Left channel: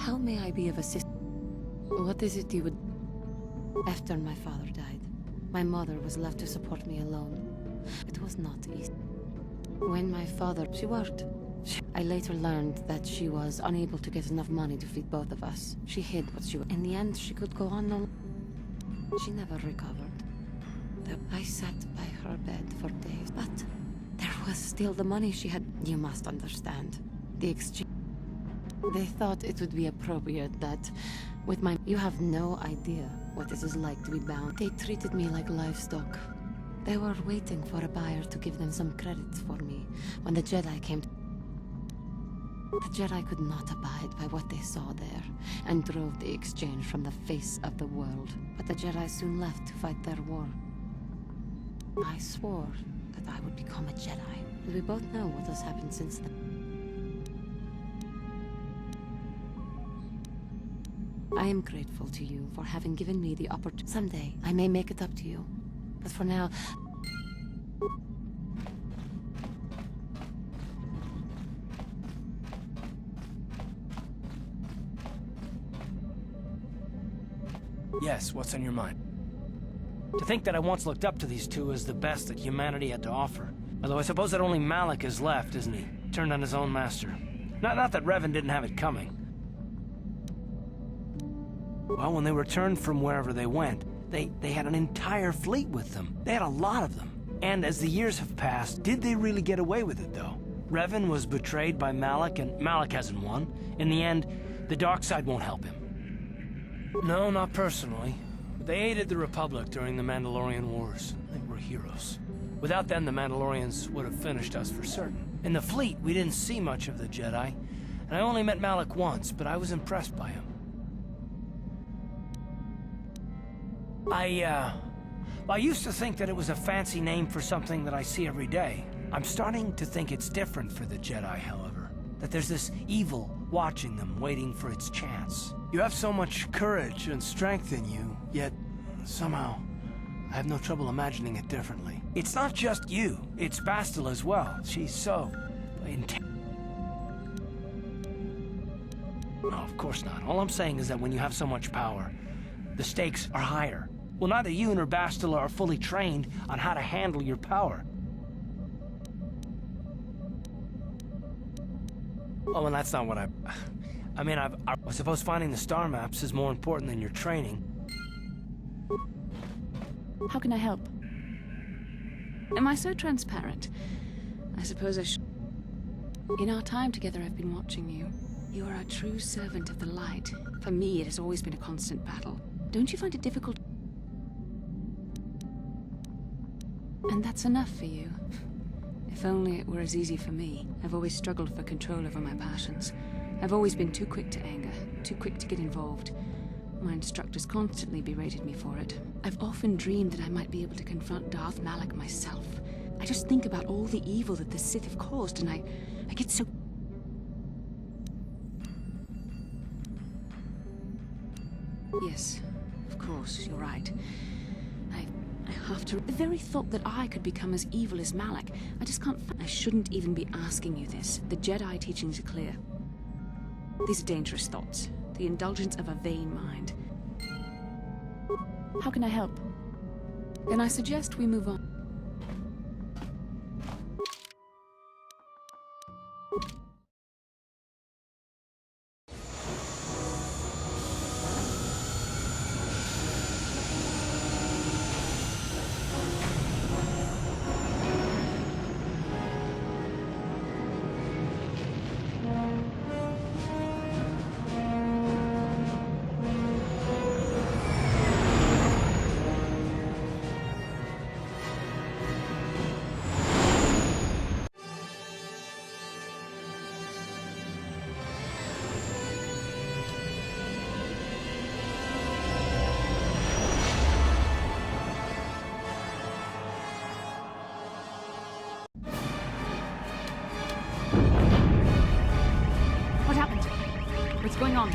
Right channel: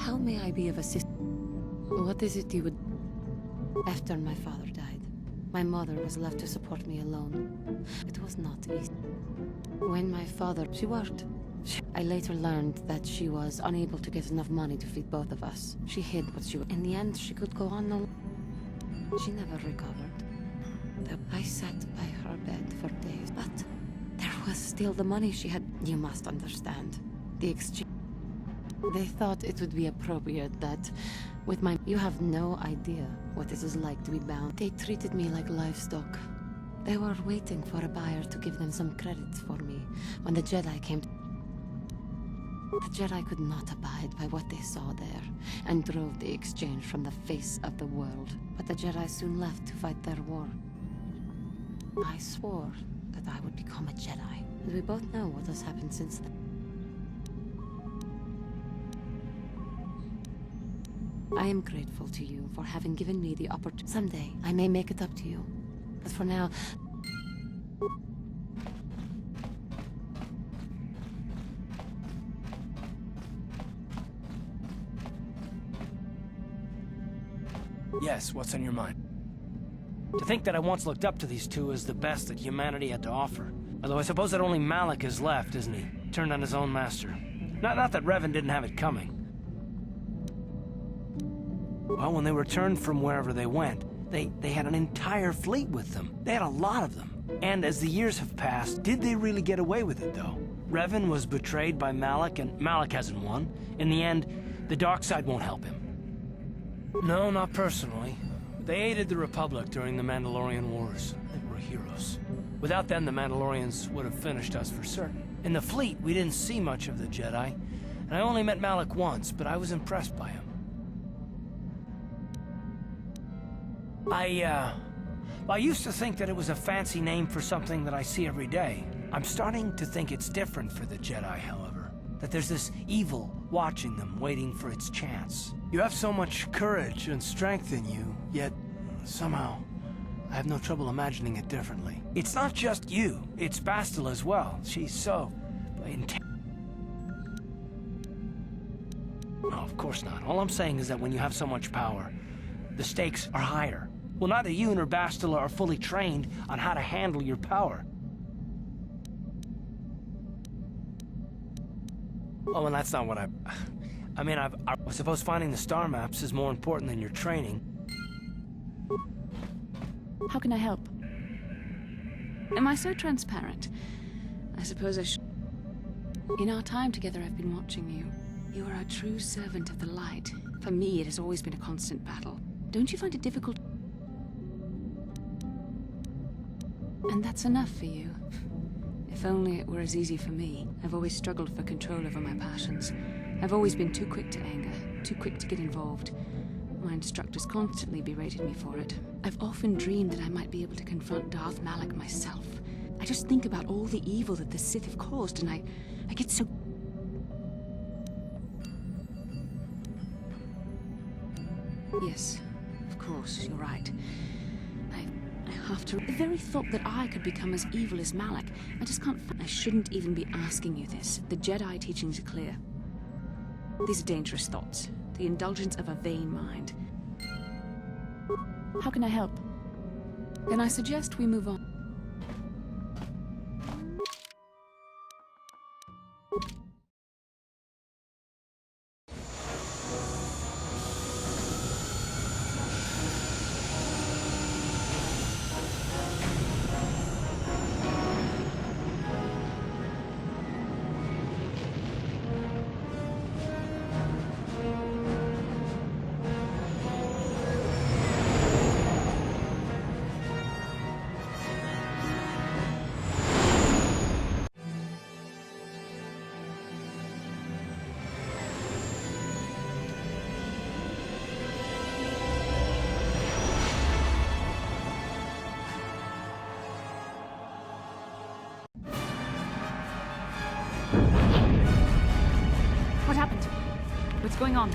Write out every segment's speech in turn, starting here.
How may I be of assistance? What is it you would... After my father died, my mother was left to support me alone. It was not easy. When my father... She worked. I later learned that she was unable to get enough money to feed both of us. She hid what she was... In the end, she could go on no... She never recovered. I sat by her bed for days, but there was still the money she had. You must understand. The exchange... They thought it would be appropriate that, with my... You have no idea what it is like to be bound. They treated me like livestock. They were waiting for a buyer to give them some credits for me when the Jedi came. The Jedi could not abide by what they saw there, and drove the exchange from the face of the world. But the Jedi soon left to fight their war. I swore that I would become a Jedi, and we both know what has happened since then. I am grateful to you for having given me the opportunity. Someday, I may make it up to you. But for now... Yes, what's on your mind? To think that I once looked up to these two as the best that humanity had to offer. Although I suppose that only Malik is left, isn't he? Turned on his own master. Not that Revan didn't have it coming. Well, when they returned from wherever they went, they had an entire fleet with them. They had a lot of them. And as the years have passed, did they really get away with it, though? Revan was betrayed by Malik, and Malik hasn't won. In the end, the dark side won't help him. No, not personally. They aided the Republic during the Mandalorian Wars. They were heroes. Without them, the Mandalorians would have finished us for certain. In the fleet, we didn't see much of the Jedi, and I only met Malik once, but I was impressed by him. I used to think that it was a fancy name for something that I see every day. I'm starting to think it's different for the Jedi, however. That there's this evil watching them, waiting for its chance. You have so much courage and strength in you, yet somehow I have no trouble imagining it differently. It's not just you, it's Bastila as well. She's so... No, of course not. All I'm saying is that when you have so much power, the stakes are higher. Well, neither you nor Bastila are fully trained on how to handle your power. Oh, and that's not what I suppose finding the star maps is more important than your training. How can I help? Am I so transparent? I suppose I should. In our time together, I've been watching you. You are a true servant of the light. For me, it has always been a constant battle. Don't you find it difficult? And that's enough for you. If only it were as easy for me. I've always struggled for control over my passions. I've always been too quick to anger, too quick to get involved. My instructors constantly berated me for it. I've often dreamed that I might be able to confront Darth Malik myself. I just think about all the evil that the Sith have caused, and I get so... Yes, of course, you're right. I have to... The very thought that I could become as evil as Malik, I just can't... I shouldn't even be asking you this. The Jedi teachings are clear. These are dangerous thoughts. The indulgence of a vain mind. How can I help? Then I suggest we move on. What happened? What's going on?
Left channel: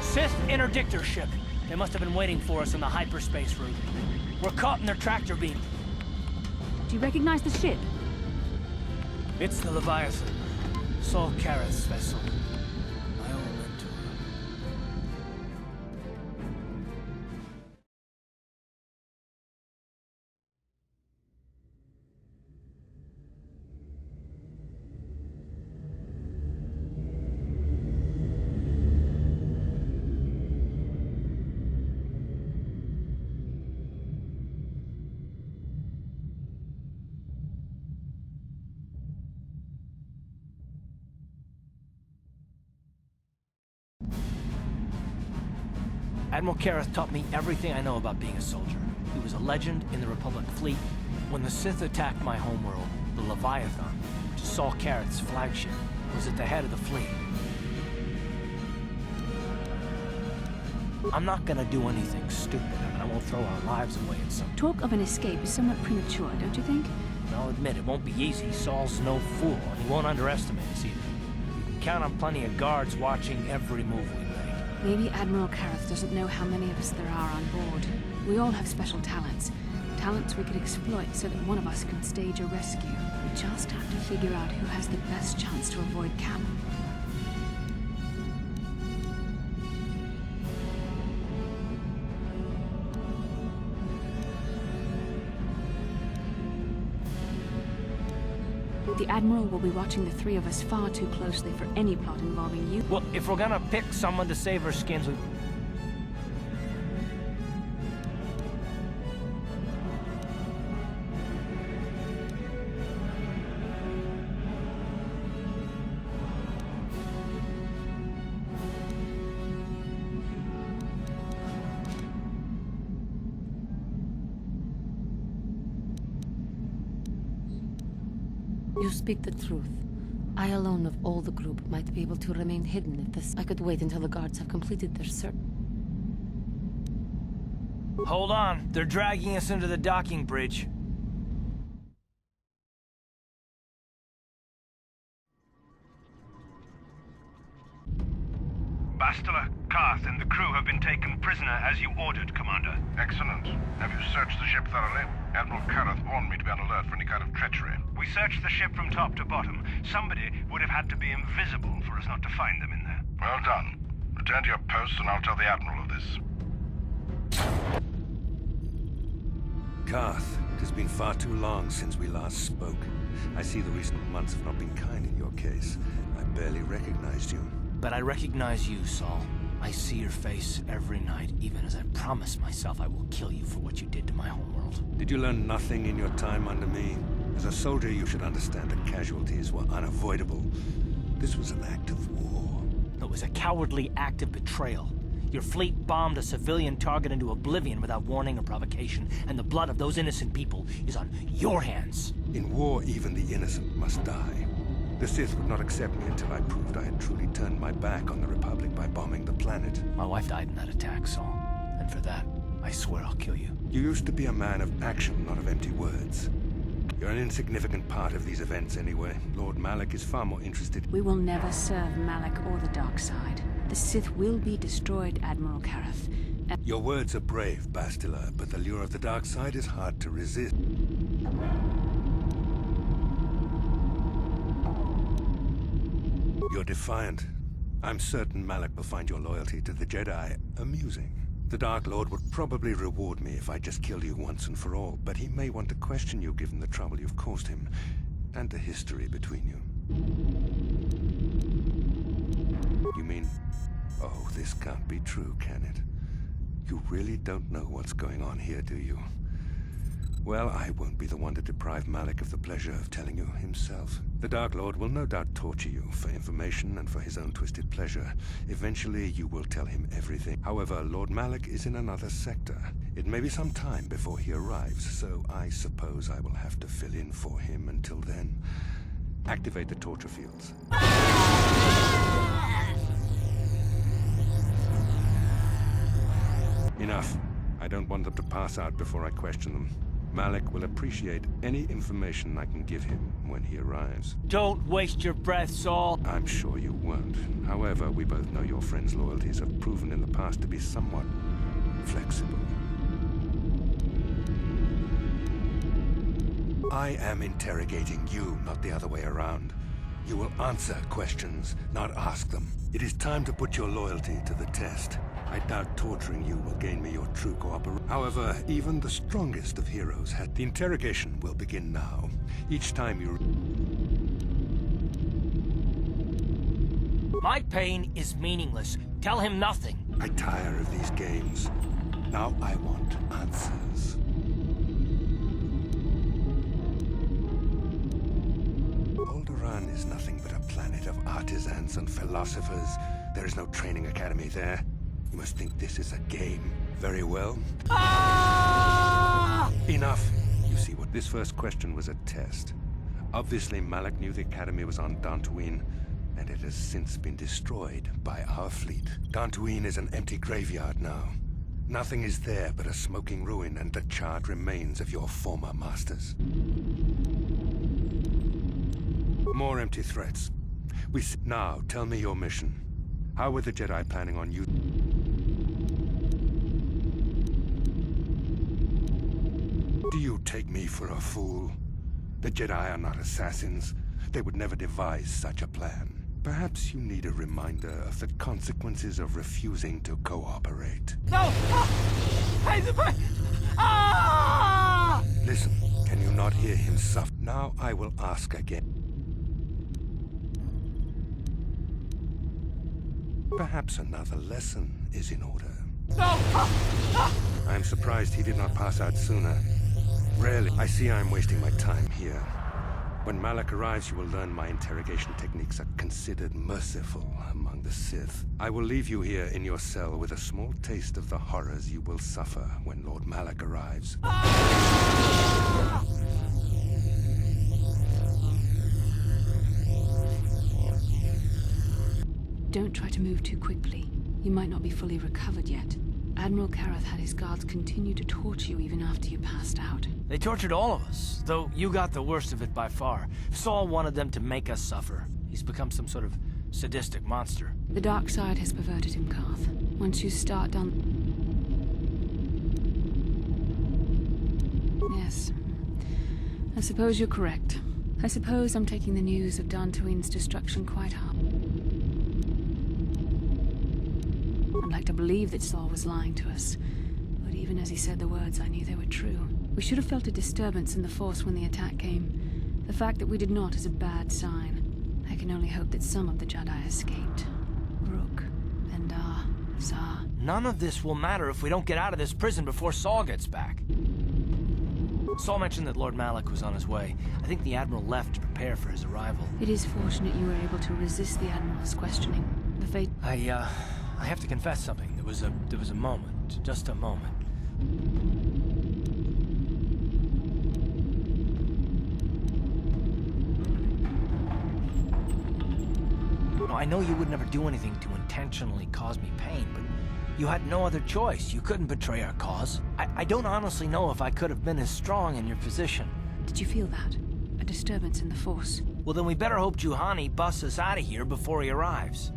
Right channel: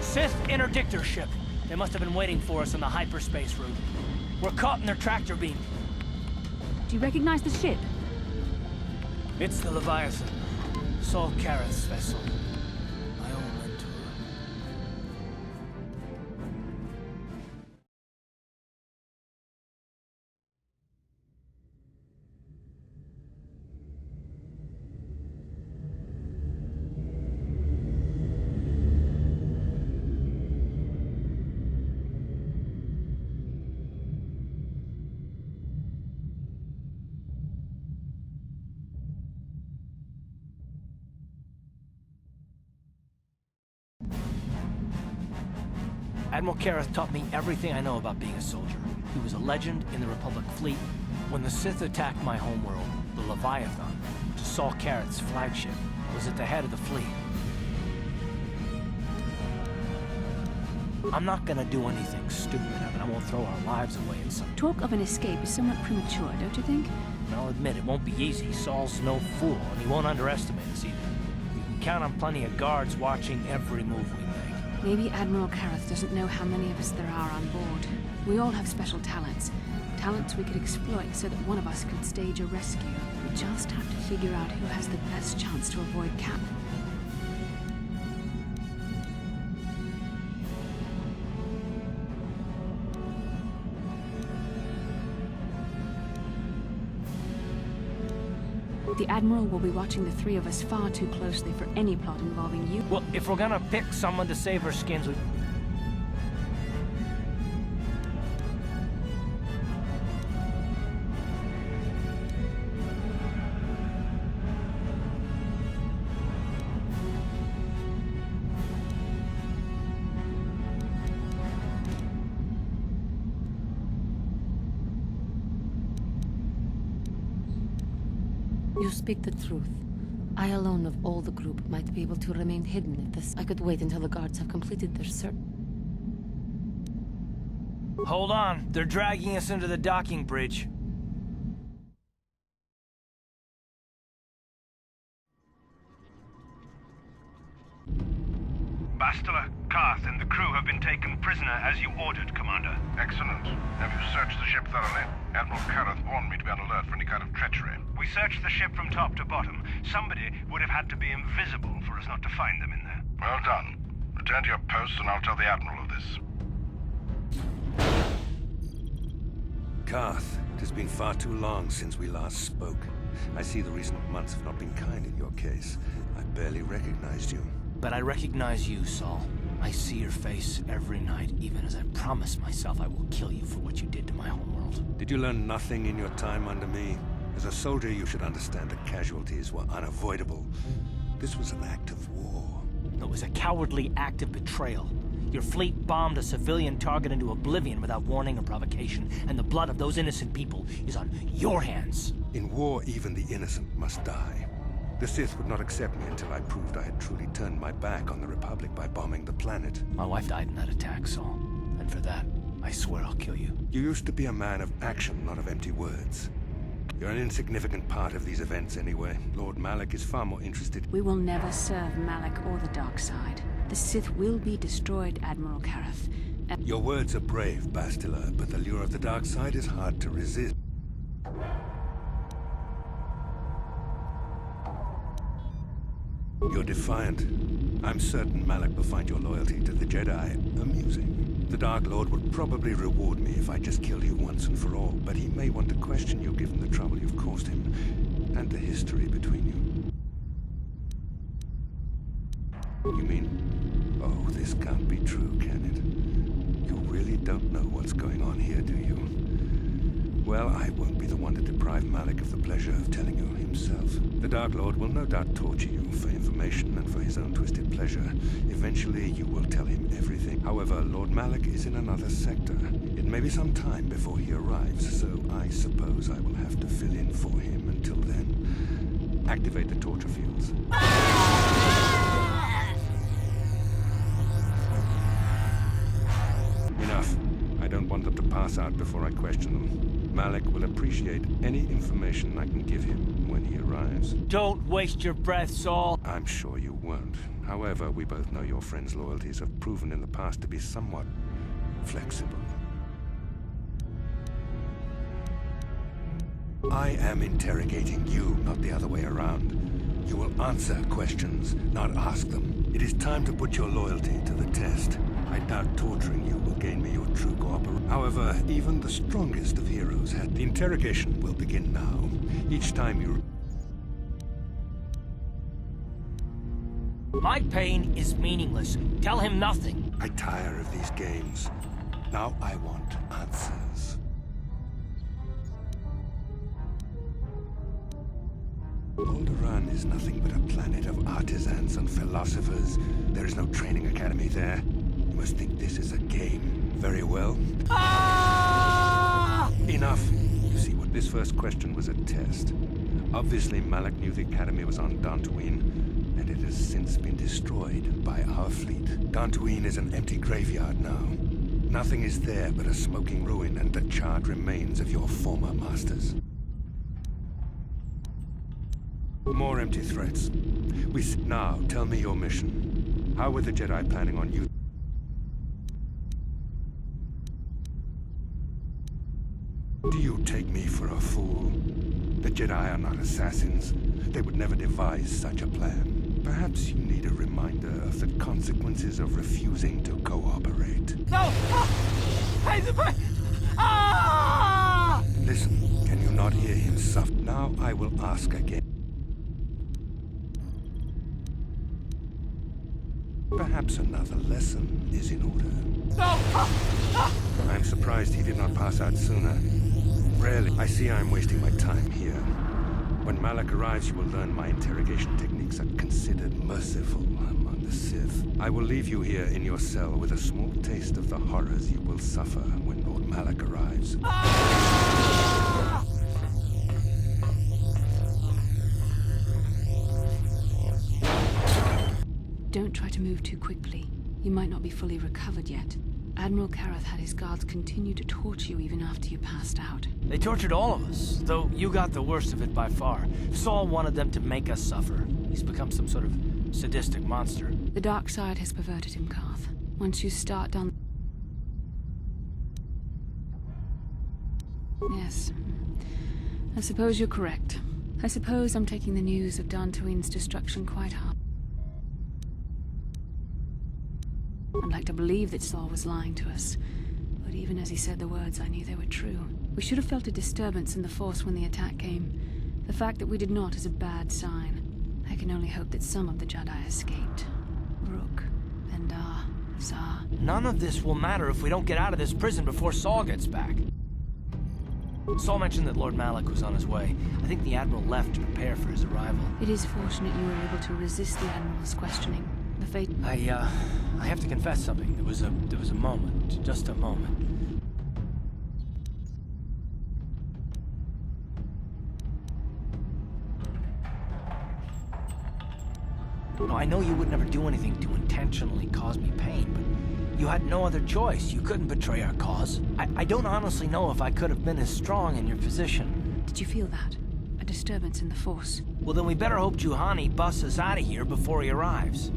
Sith interdictor ship. They must have been waiting for us on the hyperspace route. We're caught in their tractor beam. Do you recognize the ship? It's the Leviathan. Saul Karrath's vessel. My old mentor. Admiral Kareth taught me everything I know about being a soldier. He was a legend in the Republic fleet. When the Sith attacked my homeworld, the Leviathan, which is Saul Kareth's flagship, was at the head of the fleet. I'm not gonna do anything stupid. I mean, I won't throw our lives away in some... Talk of an escape is somewhat premature, don't you think? I'll admit, it won't be easy. Saul's no fool, and he won't underestimate us either. You can count on plenty of guards watching every move we make. Maybe Admiral Kareth doesn't know how many of us there are on board. We all have special talents. Talents we could exploit so that one of us could stage a rescue. We just have to figure out who has the best chance to avoid Cap. The Admiral will be watching the three of us far too closely for any plot involving you. Well, if we're gonna pick someone to save our skins, we... You speak the truth. I alone of all the group might be able to remain hidden if this... I could wait until the guards have completed their search. Hold on. They're dragging us into the docking bridge. Bastila, Karth, and the crew have been taken prisoner as you ordered, Commander. Excellent. Have you searched the ship thoroughly? Admiral Kareth warned me to be on alert for any kind of treachery. We searched the ship from top to bottom. Somebody would have had to be invisible for us not to find them in there. Well done. Return to your post and I'll tell the Admiral of this. Karth, it has been far too long since we last spoke. I see the recent months have not been kind in your case. I barely recognized you. But I recognize you, Saul. I see your face every night, even as I promise myself I will kill you for what you did to my homeworld. Did you learn nothing in your time under me? As a soldier, you should understand that casualties were unavoidable. This was an act of war. It was a cowardly act of betrayal. Your fleet bombed a civilian target into oblivion without warning or provocation, and the blood of those innocent people is on your hands. In war, even the innocent must die. The Sith would not accept me until I proved I had truly turned my back on the Republic by bombing the planet. My wife died in that attack, Saul. And for that, I swear I'll kill you. You used to be a man of action, not of empty words. You're an insignificant part of these events anyway. Lord Malak is far more interested. We will never serve Malak or the dark side. The Sith will be destroyed, Admiral Kareth. Your words are brave, Bastila, but the lure of the dark side is hard to resist. You're defiant. I'm certain Malak will find your loyalty to the Jedi amusing. The Dark Lord would probably reward me if I just killed you once and for all, but he may want to question you given the trouble you've caused him, and the history between you. You mean... Oh, this can't be true, can it? You really don't know what's going on here, do you? Well, I won't be the one to deprive Malak of the pleasure of telling you himself. The Dark Lord will no doubt torture you for information and for his own twisted pleasure. Eventually, you will tell him everything. However, Lord Malak is in another sector. It may be some time before he arrives, so I suppose I will have to fill in for him until then. Activate the torture fields. Enough. I don't want them to pass out before I question them. Malak will appreciate any information I can give him when he arrives. Don't waste your breath, Saul. I'm sure you won't. However, we both know your friend's loyalties have proven in the past to be somewhat flexible. I am interrogating you, not the other way around. You will answer questions, not ask them. It is time to put your loyalty to the test. I doubt torturing you will gain me your true cooperation. However, even the strongest of heroes had... The interrogation will begin now. Each time you... My pain is meaningless. Tell him nothing. I tire of these games. Now I want answers. Alderaan is nothing but a planet of artisans and philosophers. There is no training academy there. You must think this is a game. Very well. Ah! Enough. You see, what this first question was a test. Obviously, Malak knew the Academy was on Dantooine, and it has since been destroyed by our fleet. Dantooine is an empty graveyard now. Nothing is there but a smoking ruin and the charred remains of your former masters. More empty threats. Now, tell me your mission. How were the Jedi planning on you? Do you take me for a fool? The Jedi are not assassins. They would never devise such a plan. Perhaps you need a reminder of the consequences of refusing to cooperate. No! Ah! Listen, can you not hear him suffer? Now I will ask again. Perhaps another lesson is in order. No! I'm surprised he did not pass out sooner. Rarely. I see I'm wasting my time here. When Malak arrives, you will learn my interrogation techniques are considered merciful among the Sith. I will leave you here in your cell with a small taste of the horrors you will suffer when Lord Malak arrives. Don't try to move too quickly. You might not be fully recovered yet. Admiral Karath had his guards continue to torture you even after you passed out. They tortured all of us, though you got the worst of it by far. Saul wanted them to make us suffer. He's become some sort of sadistic monster. The dark side has perverted him, Karth. Once you start down... Yes. I suppose you're correct. I suppose I'm taking the news of Dantooine's destruction quite hard. I'd like to believe that Saul was lying to us, but even as he said the words, I knew they were true. We should have felt a disturbance in the Force when the attack came. The fact that we did not is a bad sign. I can only hope that some of the Jedi escaped. Rook, Bendar, Zar. None of this will matter if we don't get out of this prison before Saul gets back. Saul mentioned that Lord Malak was on his way. I think the Admiral left to prepare for his arrival. It is fortunate you were able to resist the Admiral's questioning. The fate... I have to confess something. There was a moment. Just a moment. No, I know you would never do anything to intentionally cause me pain, but you had no other choice. You couldn't betray our cause. I don't honestly know if I could have been as strong in your position. Did you feel that? A disturbance in the Force? Well, then we better hope Juhani busts us out of here before he arrives.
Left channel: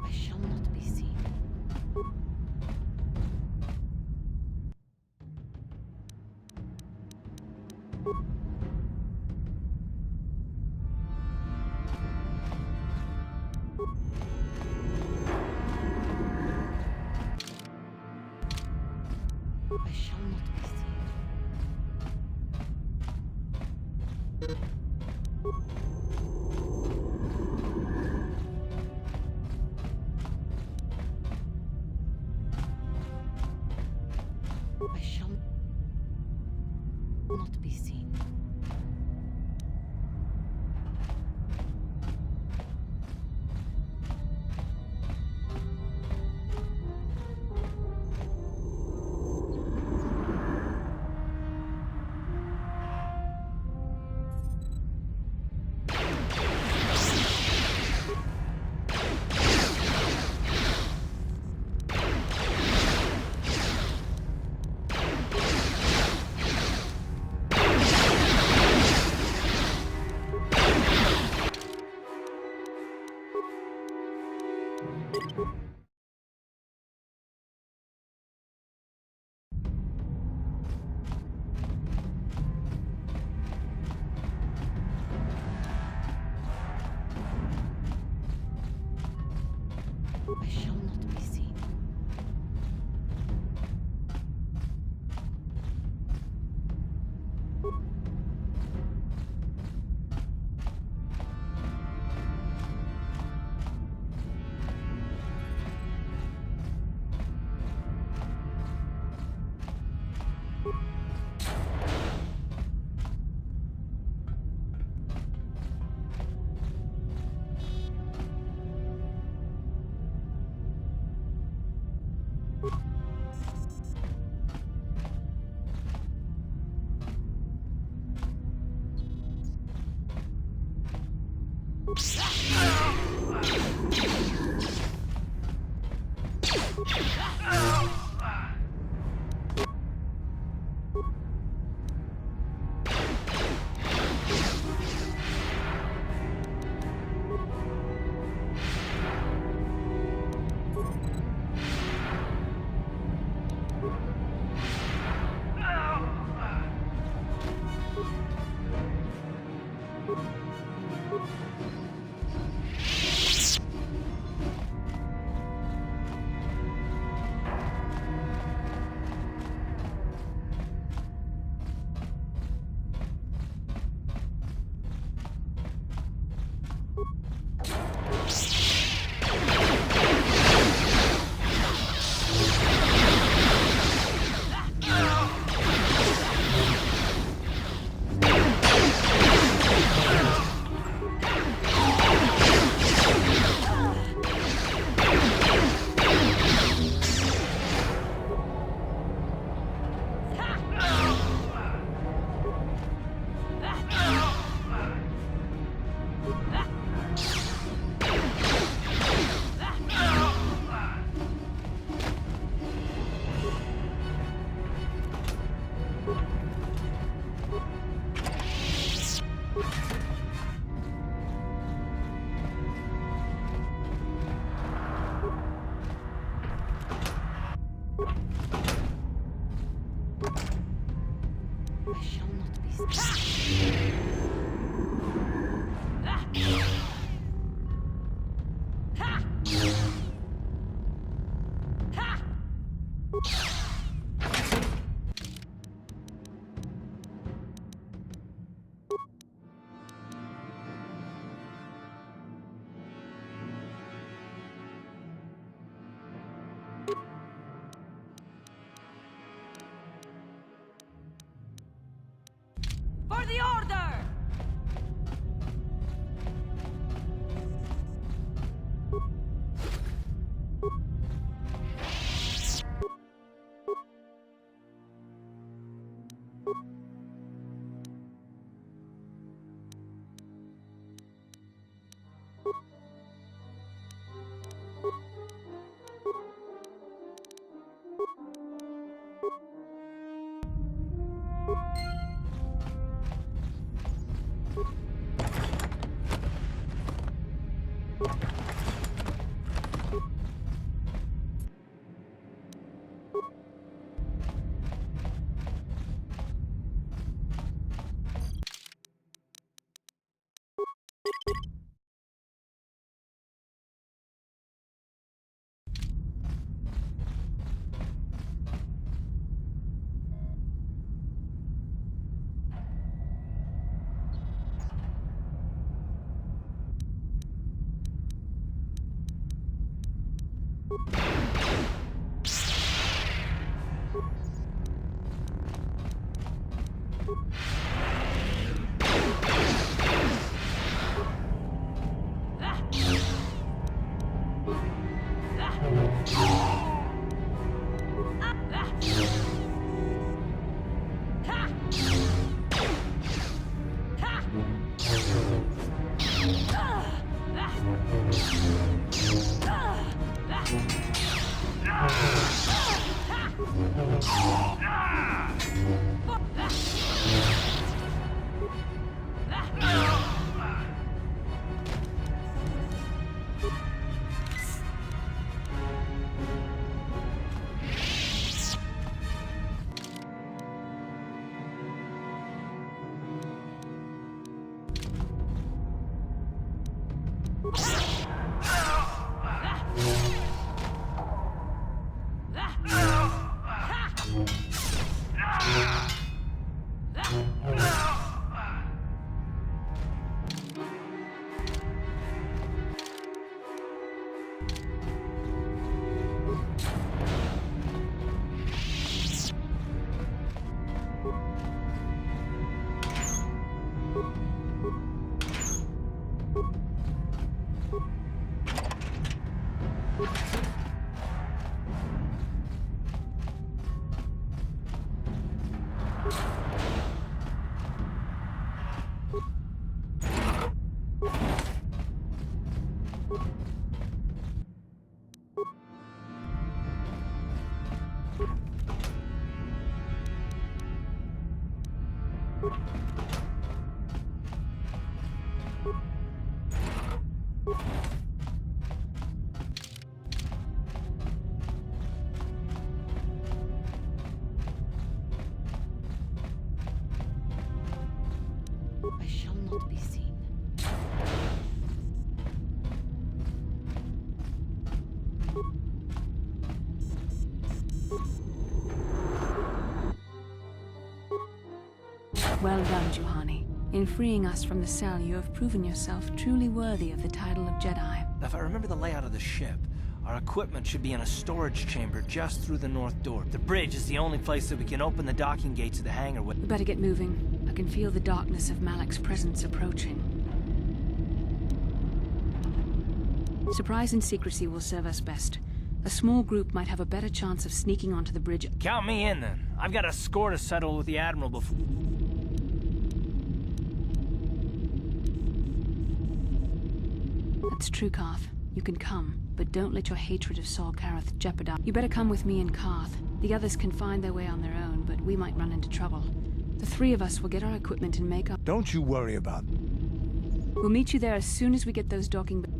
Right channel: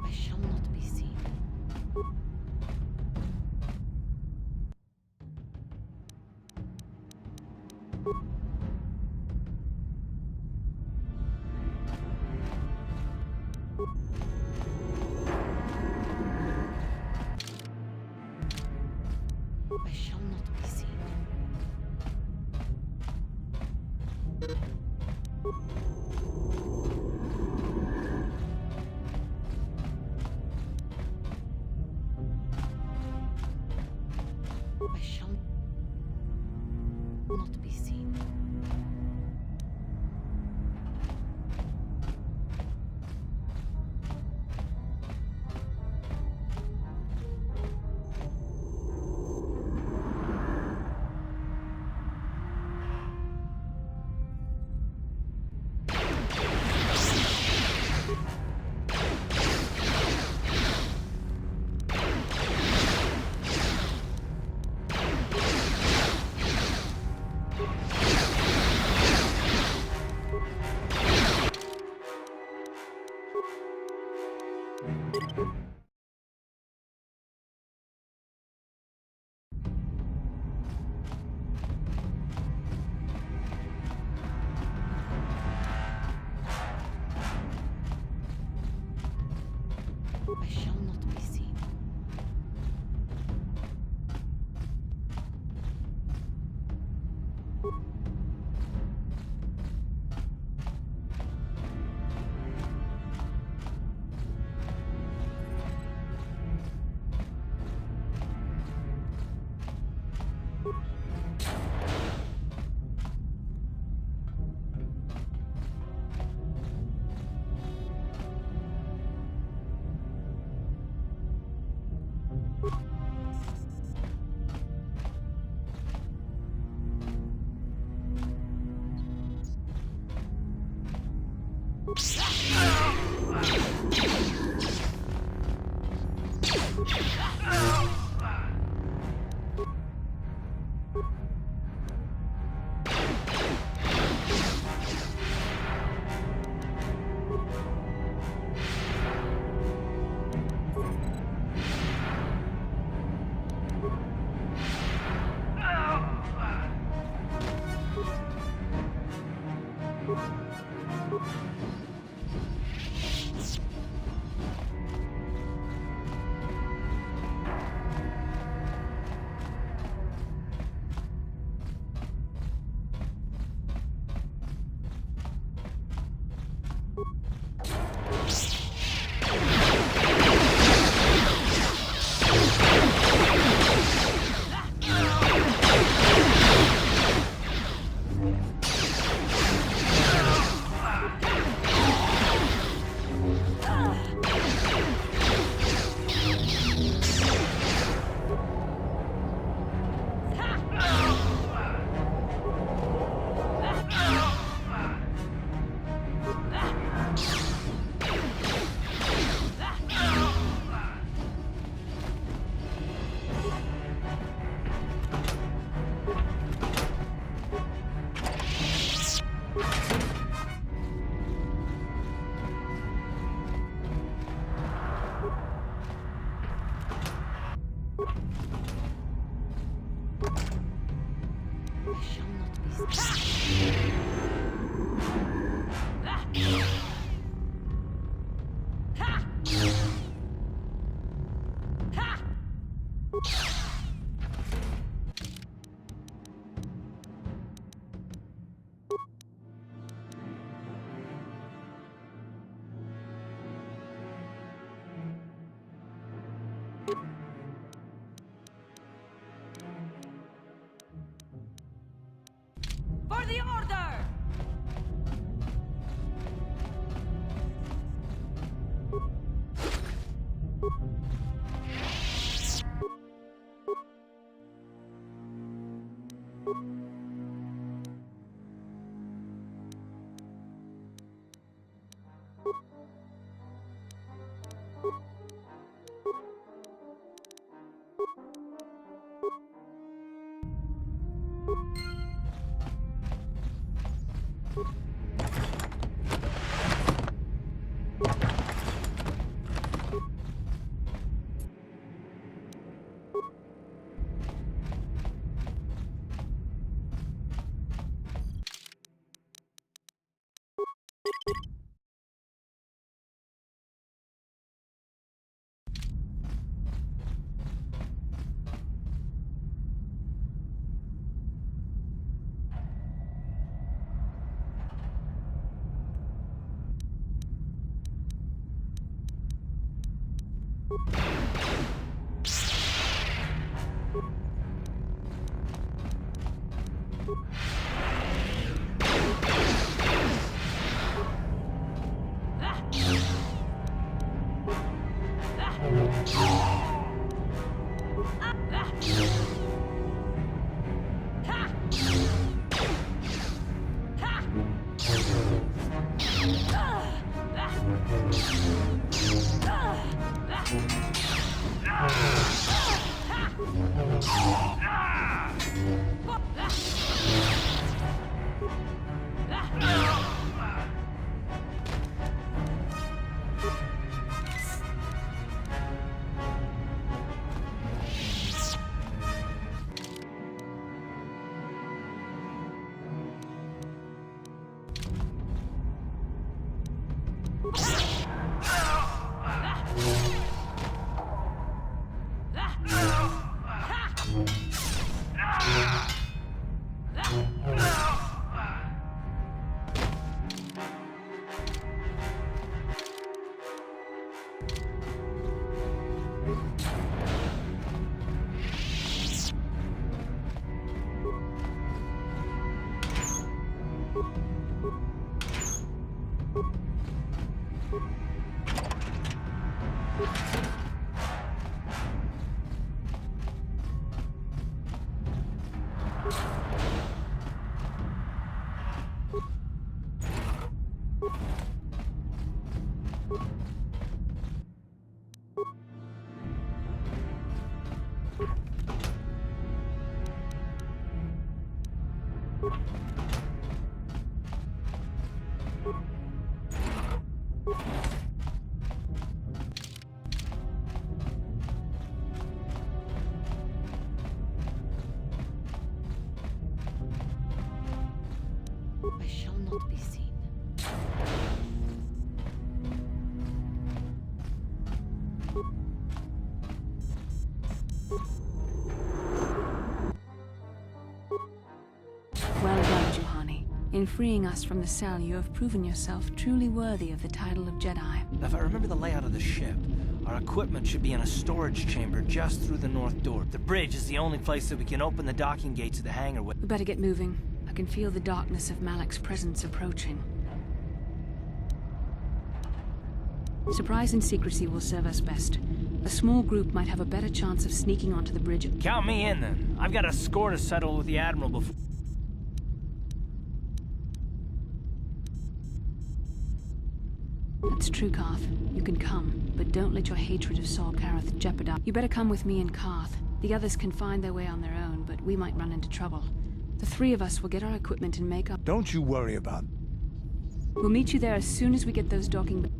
I shall not be seen. I shall not be seen. I shall not be seen. I shall not be seen. I shall not be seen. For the order! I shall not be seen. Well done, Juhani. In freeing us from the cell, you have proven yourself truly worthy of the title of Jedi. If I remember the layout of the ship, our equipment should be in a storage chamber just through the north door. The bridge is the only place that we can open the docking gates of the hangar with. We better get moving. I can feel the darkness of Malik's presence approaching. Surprise and secrecy will serve us best. A small group might have a better chance of sneaking onto the bridge. Count me in, then. I've got a score to settle with the Admiral before... That's true, Karth. You can come, but don't let your hatred of Saul Karath jeopardize. You better come with me and Karth. The others can find their way on their own, but we might run into trouble. The three of us will get our equipment and make up. Don't you worry about it. We'll meet you there as soon as we get those docking...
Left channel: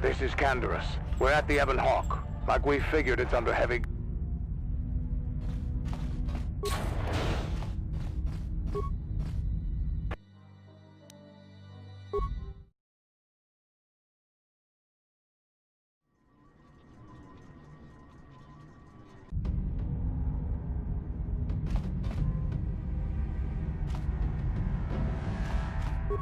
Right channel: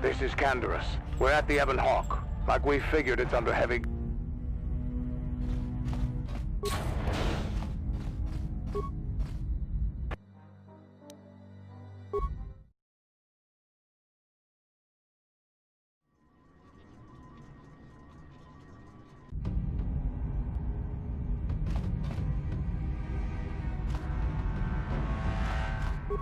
This is Canderous. We're at the Ebon Hawk. Like we figured, it's under heavy... you.